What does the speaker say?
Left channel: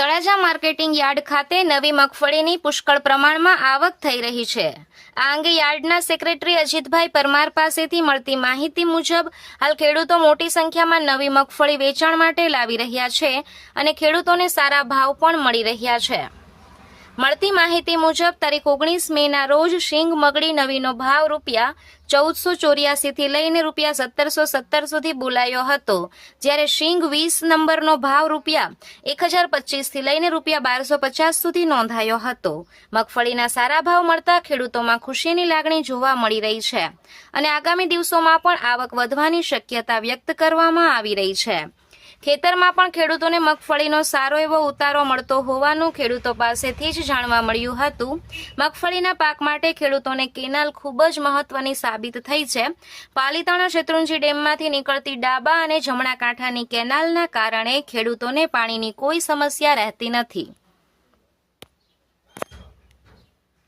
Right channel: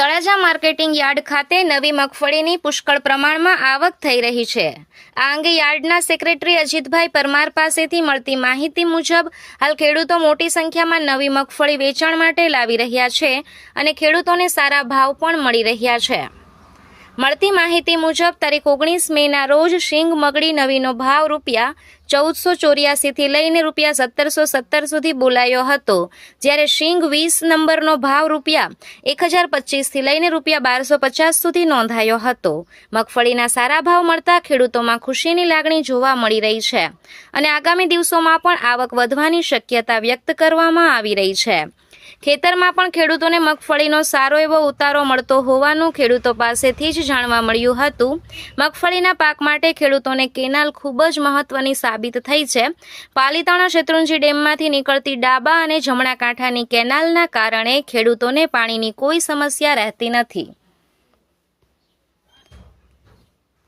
Talaja marketing yard ખાતે નવી મગફળીની પુષ્કળ પ્રમાણમાં આવક થઈ રહી છે। આ અંગે યાર્ડના સેક્રેટરી અજીતભાઈ પરમાર પાસેથી મળતી માહિતી મુજબ હાલ ખેડૂતો મોટી સંખ્યામાં નવી મગફળી વેચાણ માટે લાવી રહ્યા છે અને ખેડૂતોને સારા ભાવ પણ મળી રહ્યા છે। મળતી માહિતી મુજબ તારીખ 19 મેના રોજ શીંગ મગડી નવીનો ભાવ રૂપિયા 1484 થી લઈને રૂપિયા 1717 સુધી બોલાયો હતો, જ્યારે શીંગ 20 નંબરનો ભાવ રૂપિયા 1025 થી લઈને રૂપિયા 1250 સુધી નોંધાયો હતો। મગફળીના સારા ભાવ મળતા ખેડૂતોમાં ખુશીની લાગણી જોવા મળી રહી છે અને આગામી દિવસોમાં પણ આવક વધવાની શક્યતા વ્યક્ત કરવામાં આવી રહી છે। ખેતરમાં પણ ખેડૂતોને મગફળીનો સારો એવો ઉતારો મળતો હોવાનું ખેડૂતો પાસેથી જ જાણવા મળ્યું હતું। મગફળીના પાક માટે ખેડૂતોને કેનાલ ખૂબ જ મહત્વની સાબિત થઈ છે। પાલીતાણા શેત્રુંજી ડેમમાંથી નીકળતી ડાબા અને જમણા કાંઠાની કેનાલના કારણે ખેડૂતોને પાણીની કોઈ સમસ્યા રહેતી નથી।